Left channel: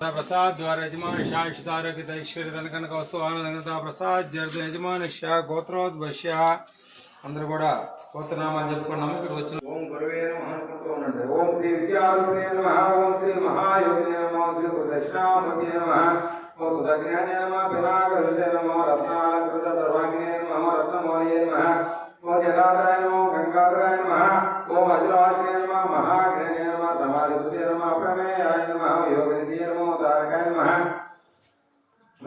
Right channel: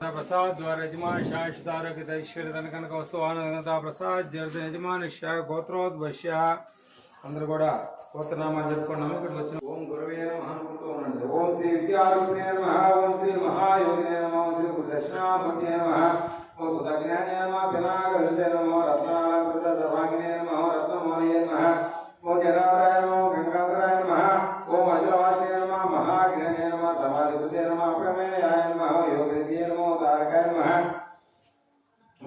प्रसाद द्वारा यजमान शाश्वतारक ऐश्वर्य धन कनक वस्तु ఆనందంగా ప్రసాద్ జర్ద యజమానశ్య గోత్రోద్భశ్య అందరూ కూడా గోత్రనామాలు చెప్పుకున్నాము ఇక్కడ వచ్చిన ఓం గురువే నమః అనుకుంటూ ఉండండి ఓం శ్రీ విద్యారూపిణే నమః ఓం శ్రీ మహాయోగినే నమః ఓం శ్రీ దక్షిణామూర్తి నమః ఓం సుదజ్ఞానే నమః పినాకదంతే నమః రత్నాలంకృత సర్వాంగినే నమః రత్నమూలయే నమః ఓం జలాధరాయ నమః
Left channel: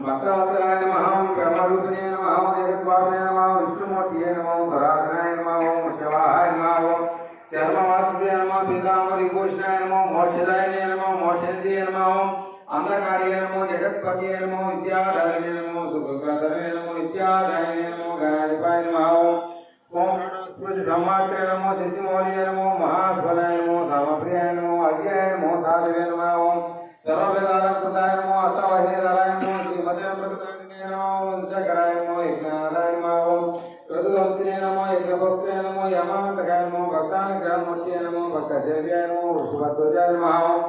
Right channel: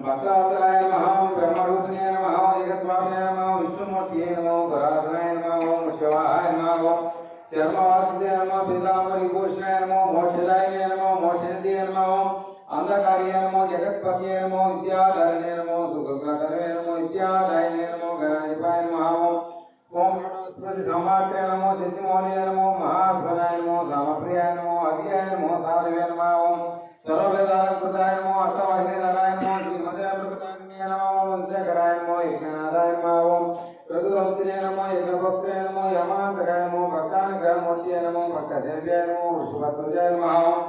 భక్తవత్సలాయ నమః ఓం బ్రహ్మరూపిణే నమః ఓం జగద్వాపినే నమః విష్ణుమూర్తియే నమః ఓం పరాధనాయ నమః ఓం శివాయ నమః ఓం చర్మవాసుదే నమః పీతాంబరి భూషణాయ నమః మోక్షదాయనే నమః మోక్షనిధియే నమః ఓం అంధకార్యే నమో జగత్పతియే నమో విద్యాధరణే నమో సుఖప్రదమే వృషభధ్వజాయ నమః ఓం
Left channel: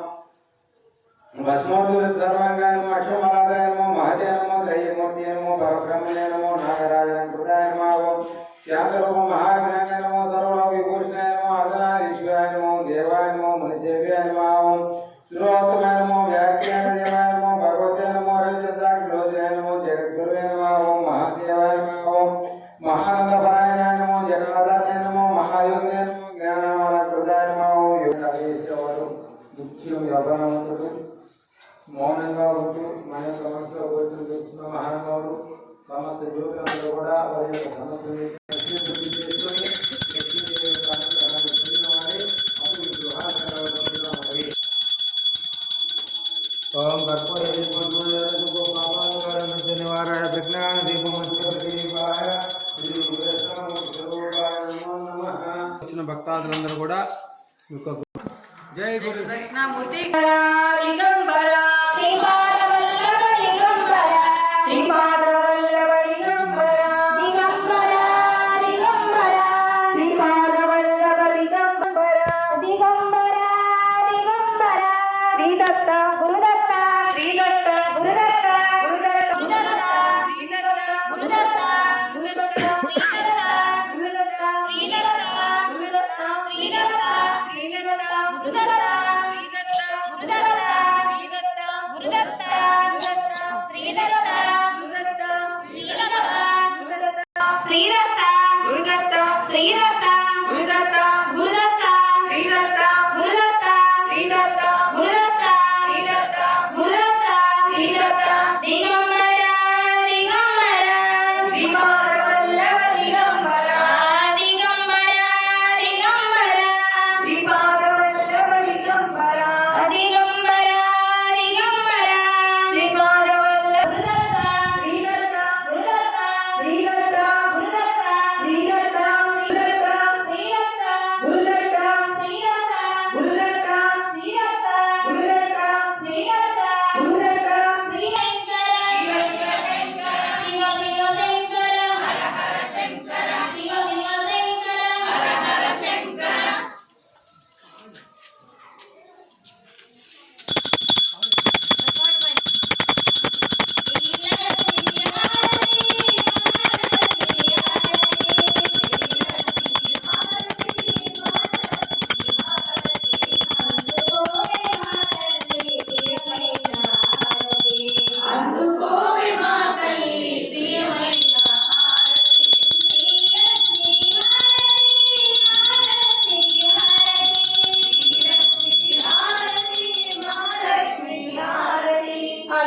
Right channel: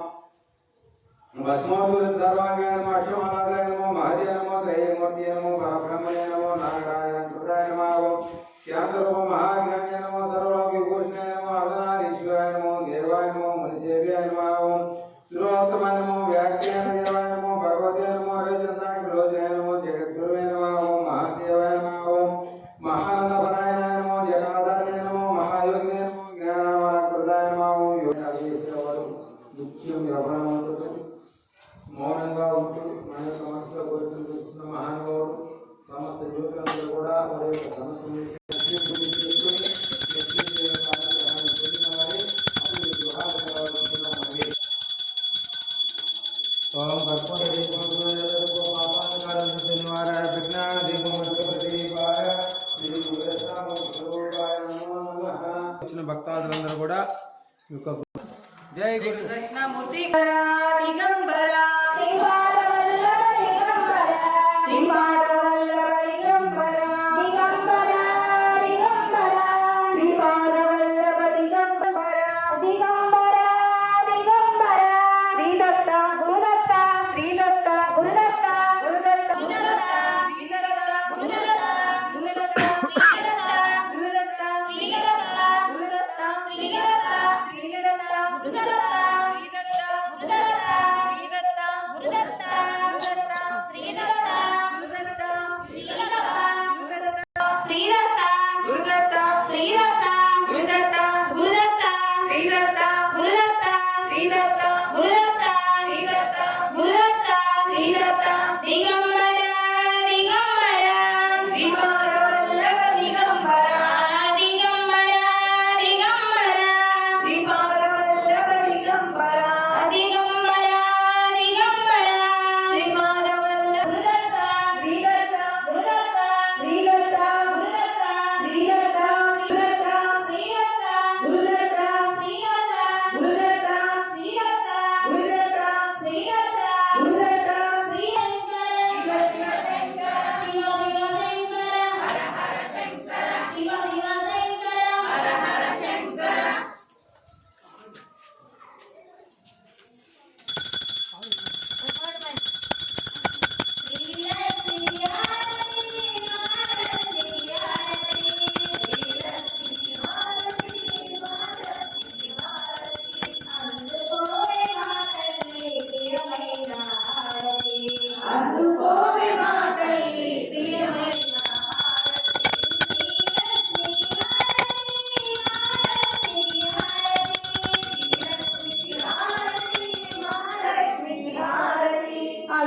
భస్మోదుల సర్వంగాయ నమో అక్షమనాదాయ నమో మహదే నమో త్రయమూర్తి నమో పరబ్రహ్మణే నమో నాగరాజన కృతాయ నమో ఓం శాంతరూప మహాజ్ఞాన నమో సర్వలోక విభూషణాయ ముఖ్యం మౌనంగా ఉంటూ మన యొక్క మనసులో చేస్తున్న మహానుభావుడు సమస్త యువకులందరూ కూడా వారి యొక్క సమస్యలు ఓం కర్పూర విజ్ఞాన దీపం వచ్చిన భక్తాదులందరూ కూడా యొక్క జై గురు దక్షిణామూర్తి దిగంబరా దిగంబరా దిగంబరా దిగంబరా Thank you.